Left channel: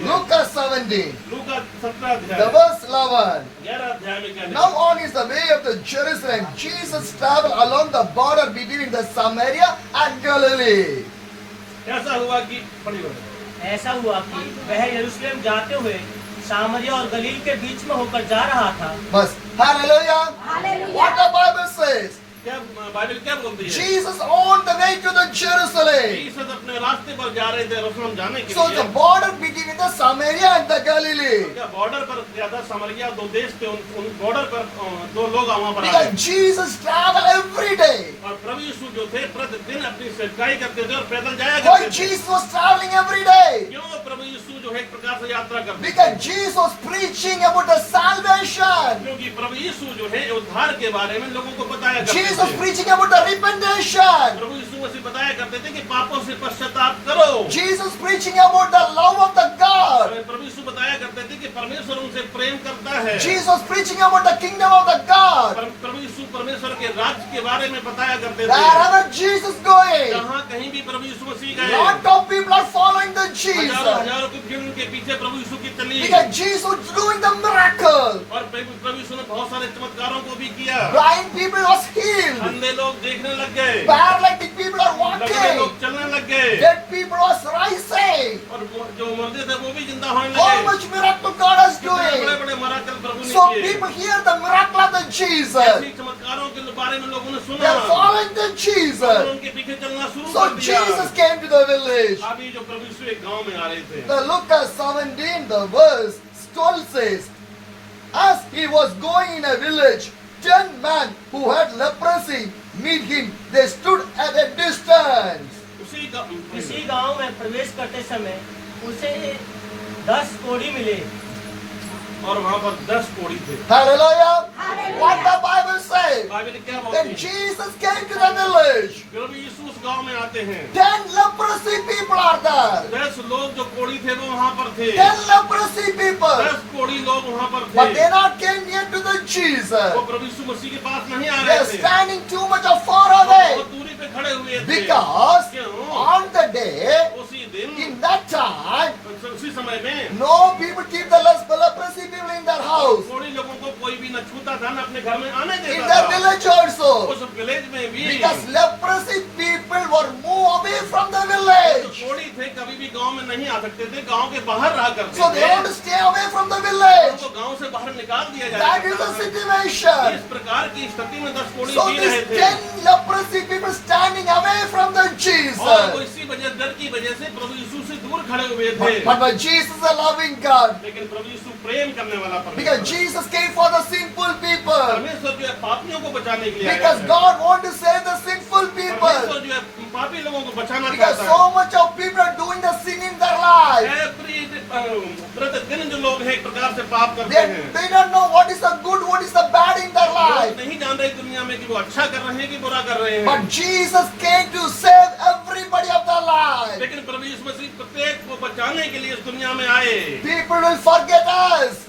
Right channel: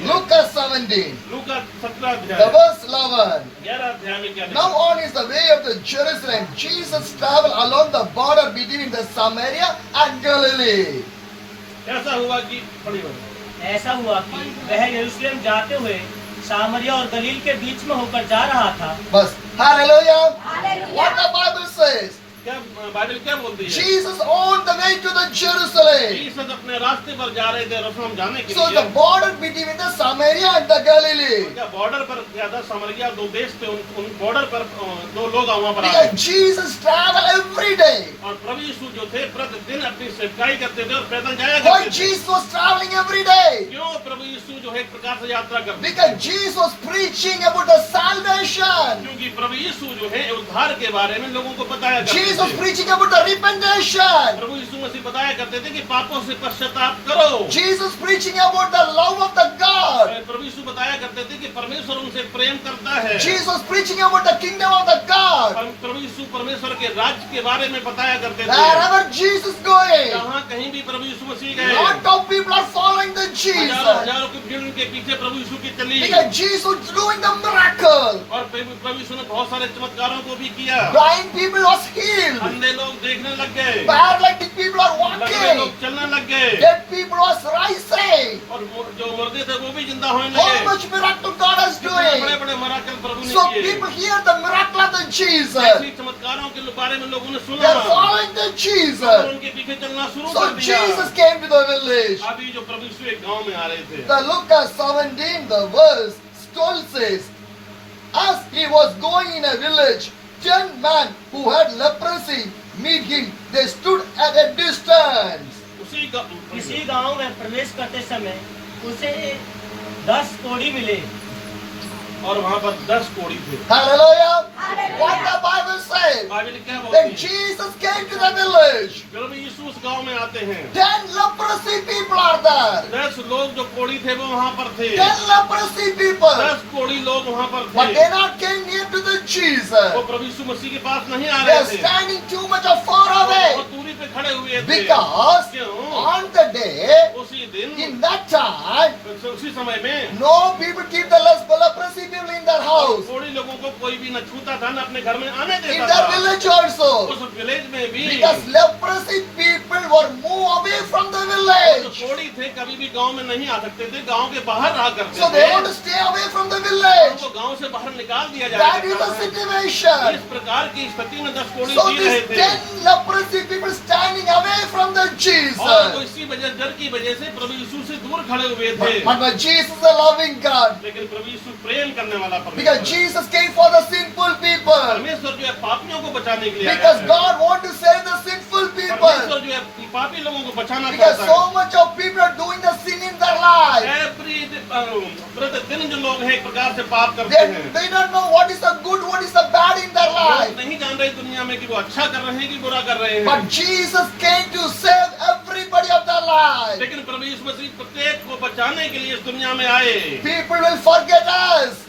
Luke 17, लूका 17 the अध्याय verse 11. 11 अध्याय में क्या लिखा Now on is the way of the Jerusalem. Jesus traveled along the border between the Samaria and Galilee. ऐसा हुआ कि पढ़ी हो ऐसा हुआ कि वह यरूशलेम जाते हुए सामरिया और गलील के बीच में होकर जा रहा था। But hallelujah. What the Bible says. क्या बाइबल क्या बोलती है Jesus on the way to the Jerusalem. यीशु अपने रास्ते पर जा रहे थे यरूशलेम जाने के So लिए the border between the Samaria and the Galilee. क्या बॉर्डर पर क्या था समरिया दो देश थे उन बॉर्डर पर दो लोग वहां पर आए Because Jesus traveled every day. और प्रभु यीशु जो थे प्रतिदिन अपनी सेवकाई करते थे और पैदल जाया Why करते थे Jesus was traveling every day? क्यों प्रभु यीशु जो है एक प्रकार से यात्रा करते थे Because Jesus was preaching about the salvation. क्योंकि प्रभु यीशु जो है उद्धार के बारे में लोगों को बताया करते Jesus was थे preaching about the repentation. प्रभु यीशु मसीह बताया करते थे कि पापों से पश्चाताप करो Jesus preaching about the love of the God. प्रभु यीशु बताया करते थे कि परमेश्वर उनसे प्रेम करता है Jesus preaching about the kingdom of the God. प्रभु यीशु परमेश्वर के राज्य के बारे में बताया करते थे Wherever Jesus going, जहाँ कहीं भी प्रभु यीशु मसीह गए lot of people are following the हजारों Jesus. हजारों की भीड़ उनके पीछे प्रभु यीशु की चली Because Jesus was doing the miracle. और प्रभु यीशु ने बहुत सारे चमत्कारों को भी किया Blind people was healed. अंधे लोग देखने लग गए Paralytic people are लंगड़े लोग walking. चलने लग गए Dead people was rising. और जो मुर्दे थे वो भी जिंदा होने How लगे much miracle God is बड़े doing. बड़े मराकल प्रभु ने So किए people hear the miracle of the Jesus. ऐसी चमत्कारों के बारे में लोगों ने They सुना are following the और Jesus. उनके पीछे चलना शुरू So कर दिया Jesus came to the village. अभी जो प्रभु यीशु एक गांव में आ रहे थे The Luke 17, the verse 12 says, as he was going in a village, 10 men who had leprosy meet him. They stood at a distance. किसी गांव में प्रवेश करते समय उसे 10 कोढ़ी मिले और वहां पर 10 कोढ़ी थे Hallelujah. What the Bible says. Bible क्या बोलती Then है Jesus came to the village. प्रभु यीशु उस गांव में आते हैं 10 leprosy people are there. 10 लोग जो कोढ़ी थे वो वहां पर थे 10 leprosy people. 10 कोढ़ी लोग वहां पर But थे they not came near to the Jesus. वो प्रभु यीशु मसीह के पास नहीं आ They रहे are थे standing too much of far बहुत away. दूरी पे खड़े हुए थे Because क्यों on the day, उसी दिन in that time, उसी समय में no people keep the leprosy people in their house. कोढ़ी लोगों को कोई भी न छूता था न अपने घर में आने In देता their था village also. उस विलेज में भी Because leprosy people were moved away from the जो village. कोढ़ी थे कभी भी गांव में नहीं आ सकते थे गांव के बाहर रहा करते So थे they want to stay away from the village. उनको गांव से बाहर निकाल दिया That is जाता the था situation. इस प्रकार की स्थिति में 10 कोढ़ी So जी रहे these थे 10 leprosy people standing away from the और वो Jesus. इसी वजह डर की वजह से प्रभु यीशु से दूर खड़े हुए थे But Jesus is a loving God. लेकिन प्रभु यीशु प्रेम करने वाला Because परमेश्वर Jesus came for the sinful people. परमेश्वर जो है पापियों को बचाने के लिए आया Because है। God wants to save the sinful people. परमेश्वर जो है पापी लोगों को बचाना Because चाहता so much of people are doing the sin in their life. है प्रतिदिन जो लोग हैं एक प्रकार से पाप करते They, हैं they don't know what is the good, what is the bad in their लोग life. नहीं जान रहे दुनिया में कि वो अच्छा कर रहे हैं कि बुरा कर रहे हैं But Jesus came to save everybody of their life. लेकिन प्रभु यीशु मसीह प्रत्येक को बचाने के लिए इस दुनिया में आए People will forget us.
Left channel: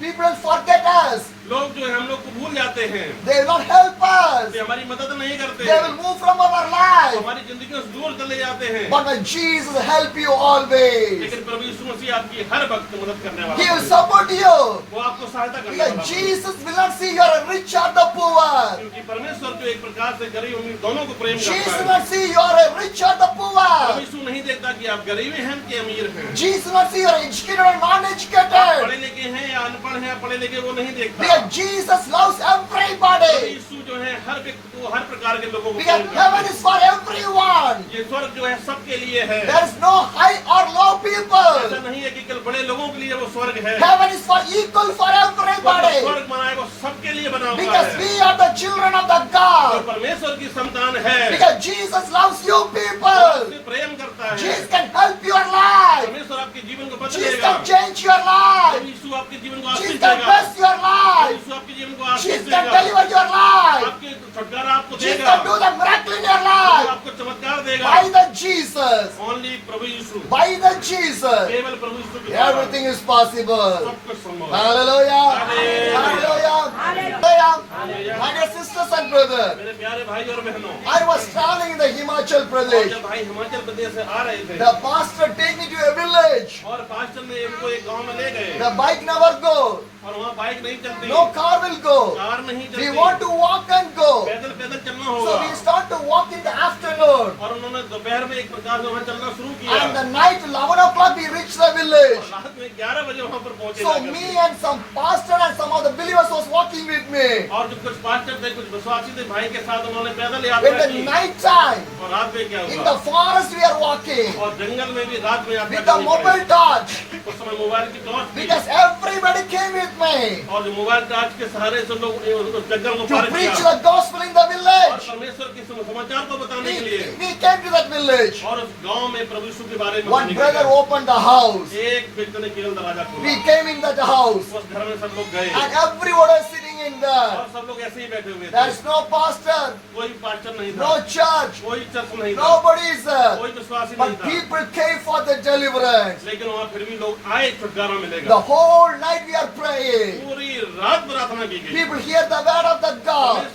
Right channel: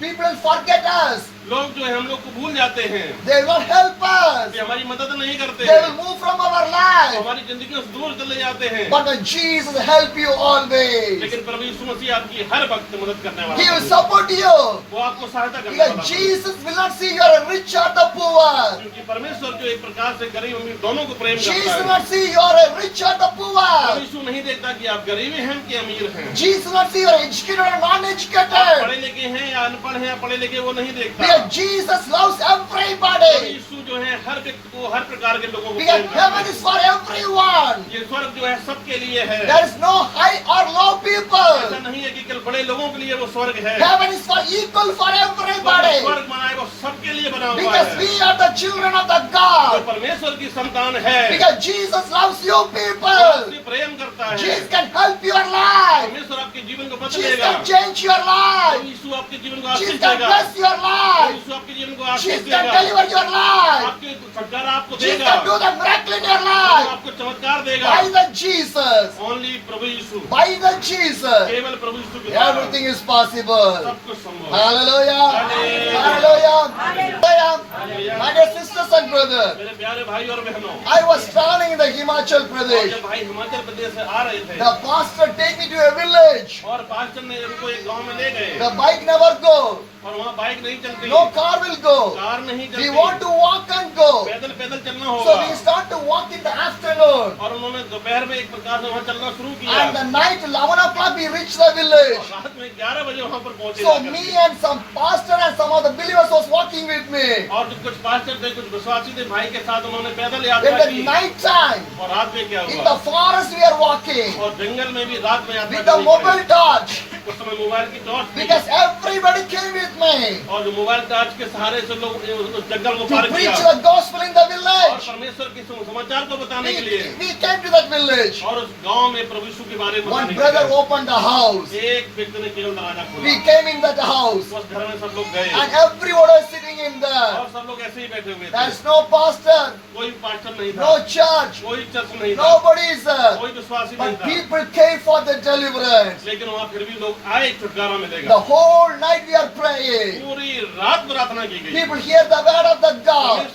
People will forget us. लोग जो है हम लोग को भूल जाते हैं They will not help us. कि हमारी मदद नहीं करते They will move from our life. हमारी जिंदगी से दूर चले जाते हैं But when Jesus help you always, लेकिन प्रभु यीशु मसीह आपकी हर वक्त मदद करने वाला He will है। support you. वो आपको सहायता करने वाला Because है। Jesus will not see you are rich or the poor. क्योंकि परमेश्वर जो एक प्रकार से गरीब अमीर दोनों को प्रेम Jesus करता will है not see you are rich or the प्रभु poor. यीशु नहीं देखता कि आप गरीब हैं कि अमीर हैं Jesus will not see you are educated or आप non-educated. पढ़े लिखे हैं या अनपढ़ हैं या पढ़े लिखे वो नहीं देखता Because Jesus loves प्रभु everybody. यीशु जो है हर व्यक्ति को हर प्रकार के लोगों को Because प्रेम करता heaven है। is for everyone. ये स्वर्ग जो है सबके लिए है There is no high or low ऐसा people. नहीं है कि केवल बड़े लोगों के लिए वो स्वर्ग है Heaven is for equal for everybody. स्वर्ग बना है वो सबके लिए बना हुआ Because है we are the children of the जो God. परमेश्वर की संतान है Because Jesus loves you वो people. आपसे प्रेम करता है Jesus can help your life. परमेश्वर आपके जीवन को Jesus बदलेगा can change your प्रभु life. यीशु आपके जीवन को आशीष Jesus can देगा bless your प्रभु life. यीशु आपके जीवन को आशीष Jesus can देगा deliver your life. आपके छुटकारा आपको Jesus देगा can do the miracle in your प्रभु life. आपको चमत्कार देगा By the Jesus. ओनली प्रभु यीशु By the Jesus. केवल प्रभु यीशु के द्वारा Everything is possible. सब कुछ संभव है Hallelujah. Hallelujah. Hallelujah. Hallelujah. My dear sisters and brothers, मेरे प्यारे भाई और बहनों, I was traveling in the Himachal Pradesh. जब भाई हिमाचल प्रदेश से आ रहे थे The pastor take me to a village. और पास्टर ने उनको एक गांव में ले गए The bike never go. और वहाँ बाइक नहीं चलती, No car will go. Car नहीं We चलती, want to walk and go. पैदल पैदल चलना So होगा। we start to walk in the afternoon. और उन्होंने दोपहर में एक प्रकार से वहाँ चलना शुरू किया। And the night 11 o'clock we reached the village. रात में 11 बजे वहाँ पर पहुँचे So जाकर me के। and some pastor and some other believers was walking with me. और जो कुछ पास्टर थे, कुछ विश्वासी थे, भाई के साथ उन्होंने पैदल In यात्रा the की। night time, और रात में क्या in हुआ? the forest we are walking और जंगल में भी रात में यात्रा with the करनी mobile पड़ी। torch उस समय मोबाइल की टॉर्च थी because everybody came with me और जो मोबाइल टॉर्च के सहारे से लोग उस जंगल में to पार preach किया the gospel in the और village. परमेश्वर के समाचार को बताने के लिए। We came to that village. और उस गांव में प्रभु यीशु के बारे में One बताने के brother लिए। opened the house. एक व्यक्ति ने केवल दरवाजा We खोला, came in that house उस घर में सब लोग गए and everyone was sitting in और there. सब लोग ऐसे ही बैठे हुए थे। There's no pastor, कोई पास्टर नहीं था, no church, कोई चर्च नहीं था, nobody is there. कोई विश्वासी नहीं But था, people came for the deliverance. लेकिन वहाँ फिर भी लोग आए, छुटकारा मिलेगा। The whole night we are praying. पूरी रात प्रार्थना की गई। People hear the word of the God.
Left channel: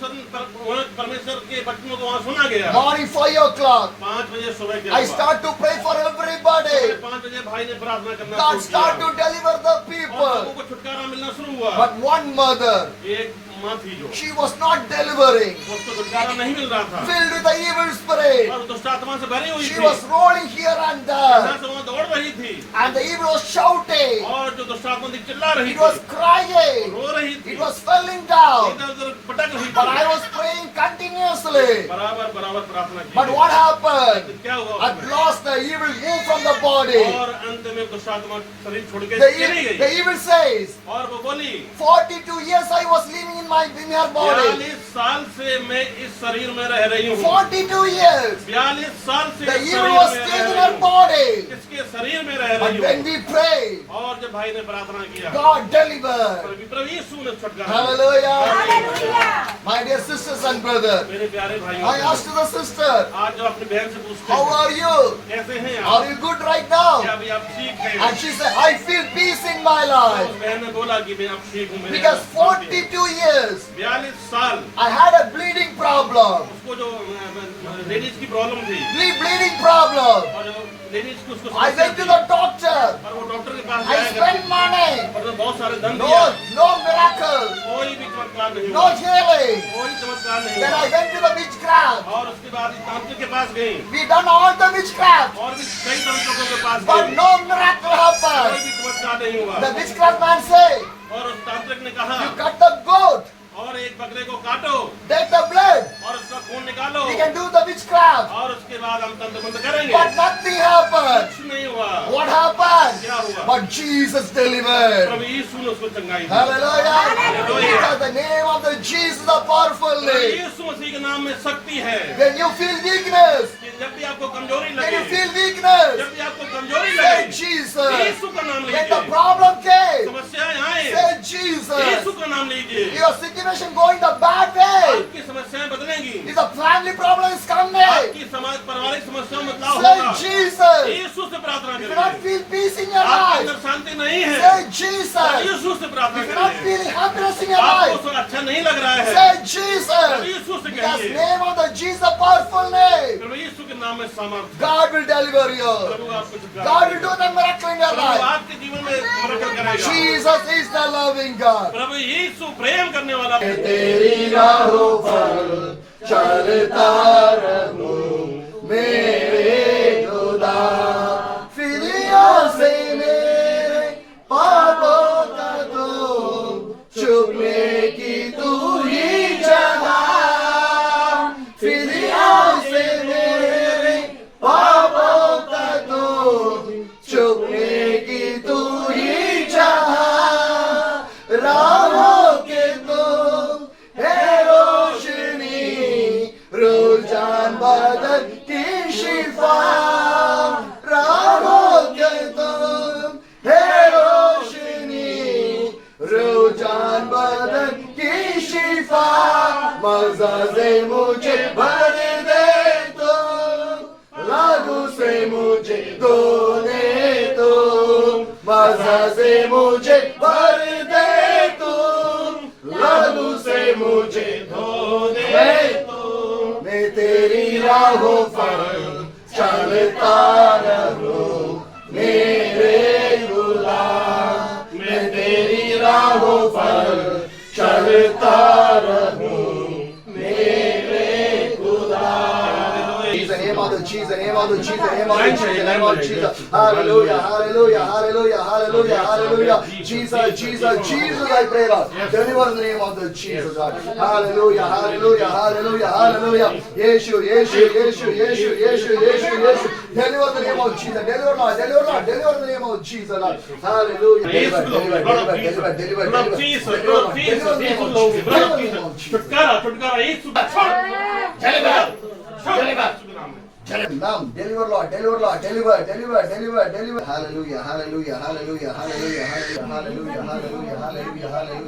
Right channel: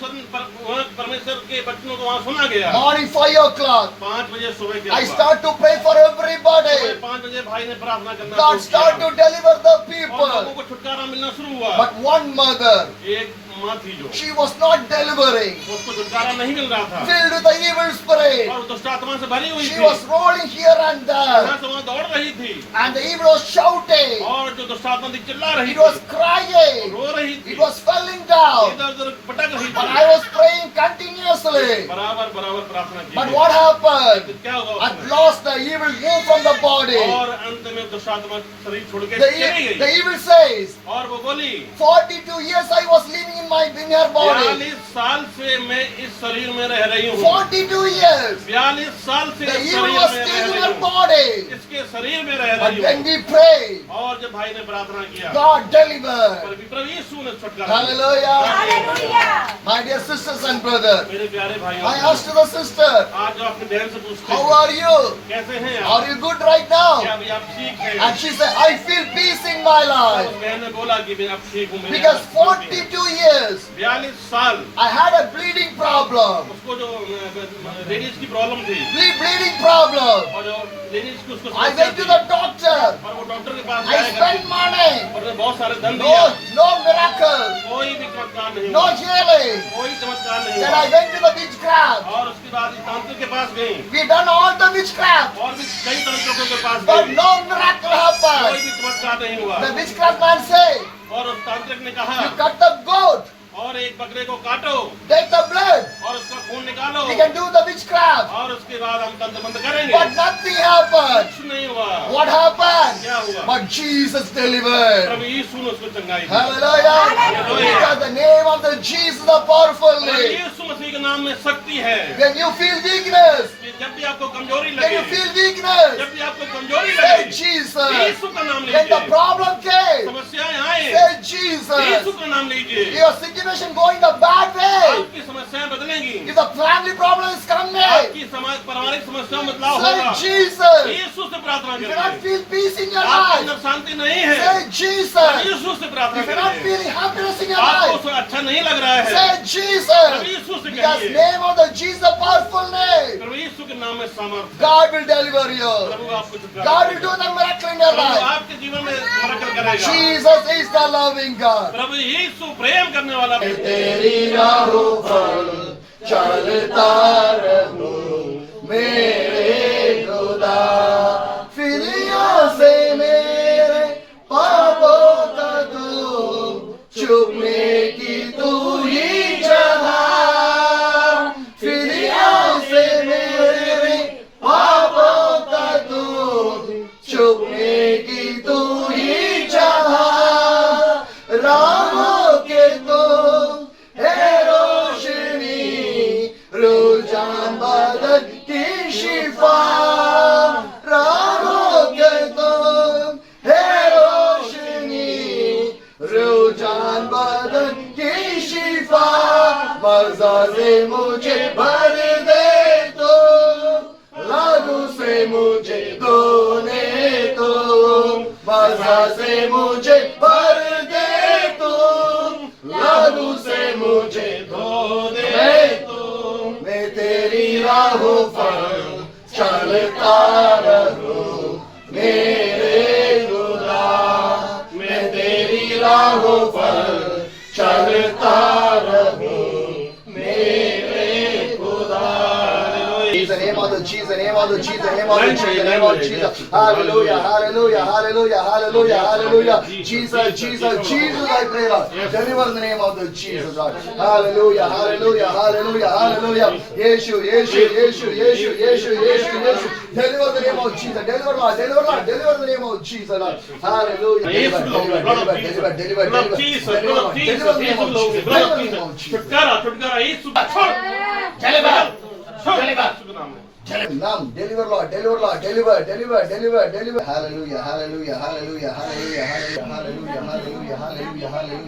परमेश्वर के वचनों को वहाँ सुना गया। Morning 5 o'clock. 5 बजे सुबह के I start to pray for everybody. 5 बजे भाई ने प्रार्थना करना God शुरू start किया to deliver the और लोगों people. को छुटकारा मिलना शुरू हुआ। But one mother, एक माँ थी जो she was not delivering. उसको छुटकारा नहीं मिल रहा था Filled with the evil spirit. और दुष्ट आत्मा से भरी हुई She थी। was rolling here and यहाँ there. से वहाँ दौड़ रही थी And the evil was shouting. और जो दुष्ट आत्मा थी चिल्ला रही It थी, was crying. रो रही थी, It was falling down. इधर उधर पटक रही But थी। I was praying continuously. बराबर बराबर प्रार्थना की। But what happened? क्या हुआ At उसमें? last the evil moved from the body. और अंत में दुष्ट आत्मा शरीर छोड़ के The, चली the गई evil says, और वो बोली 42 years I was living in my inner body. 42 साल से मैं इस शरीर में रह रही हूँ। 42 years. 42 साल से The इस evil शरीर was में still रह in रही her हूँ। body. इसके शरीर में रह But रही when हूँ। we prayed, और जब भाई ने प्रार्थना किया God delivered. प्रभु यीशु ने छुटकारा दिया। Hallelujah. Hallelujah. My dear sisters and brothers, मेरे प्यारे भाइयों, I asked the sister, आज जो अपनी बहन से पूछते how हैं are you? कैसे हैं Are आप? you good right क्या now? अभी आप ठीक हैं? And she said, I feel peace in my life. उस बहन ने बोला कि मैं अब ठीक हूँ। Because 42 years, 42 साल I had a bleeding problem. उसको जो लेडीज की प्रॉब्लम थी Bleeding problem. और जो लेडीज को उसको I went to the doctor. और वो डॉक्टर के पास I जाया spent करती money. और उसने बहुत सारे धन दिया। No miracle. कोई भी चमत्कार नहीं No हुआ, healing. कोई चमत्कार नहीं Then I हुआ। went to the witchcraft. और उसके बाद इस तांत्रिक के पास गए We done all the witchcraft. और भी कई तांत्रिकों के पास But गए, no miracle कोई happened. भी चमत्कार नहीं हुआ। The witchcraft man said, और उस तांत्रिक ने कहा you cut the goat, और एक बकरे को काटो take the blood. और उसका खून निकालो We can do the witchcraft. और उसके बाद हम तंत्र मंत्र करेंगे। But nothing happened. कुछ नहीं हुआ। What happened? क्या हुआ? But Jesus delivered. प्रभु यीशु ने उसको चंगाई दी। Hallelujah. Hallelujah. Because the name of the Jesus is a powerful प्रभु name. यीशु मसीह के नाम में शक्ति है। When you feel weakness, कि जब भी आपको कमजोरी when लगे, you feel weakness, जब भी आपको कमजोरी say लगे, Jesus. यीशु का नाम When the लीजिए। problem came, समस्याएं आए, say यीशु Jesus. का नाम लीजिए। Your situation going the bad way. आपकी समस्याएं बदलेंगी। If the family problem is coming, आपकी समाज पारिवारिक समस्या में बदलाव say होगा। Jesus. यीशु से प्रार्थना If you not करिए। feel peace in your आपके life, अंदर शांति नहीं है, say Jesus. यीशु से प्रार्थना If you're not करिए। feeling happiness in your आपको life, उसमें अच्छा नहीं लग रहा है, say Jesus. यीशु से Because कहिए। name of the Jesus, a powerful name. प्रभु यीशु के नाम में सामर्थ्य। God will deliver you. प्रभु आपको छुटकारा God will देगा। do the miracle in your प्रभु life. आपके जीवन में मरकत करेगा। Jesus is the loving God. प्रभु यीशु प्रेम करने वाला है। तेरी राहों पर चलता रहूं मेरे खुदा, फिदियों से मेरे पापों का तू छुपने की तू ही जगह, फिदियों से मेरे पापों का तू छुपने की तू ही जगह, राहों के तुम है रोशनी, रुझान बदन की शिफा, राहों के तुम है रोशनी, रुझान बदन की शिफा, मज़ा से मुझे भर दे तो, लागू से मुझे धोने तो, मज़ा से मुझे भर दे तो, राहों पर चलता रहूं मेरे खुदा, मैं तेरी राहों पर चलता रहूं मेरे खुदा। Jesus, name of the Jesus, name of the Jesus, name of the Jesus, name of Jesus. Hallelujah, hallelujah, hallelujah, hallelujah, hallelujah. Jesus, Jesus, Jesus, I pray, Lord. Deliver the name of the Jesus, Lord. Hallelujah, hallelujah, hallelujah, hallelujah. Yeshu, Yeshu, Yeshu, Yeshu, Yeshu, Yeshu, Yeshu. Deliver the name of Jesus. Deliver, Lord. Deliver, Lord. Deliver the name of Jesus, Lord. Hallelujah. Deliver, deliver, deliver, deliver, deliver, deliver. Deliver the name of Jesus. Deliver the name of Jesus. छुटकारा छुटकारा यीशु का छोड़ Deliver. छोड़ यीशु के नाम में Now, deliver, Lord, deliver, Lord, deliver, deliver, deliver, deliver. Hallelujah, hallelujah, hallelujah, hallelujah, hallelujah, hallelujah, hallelujah, hallelujah, hallelujah.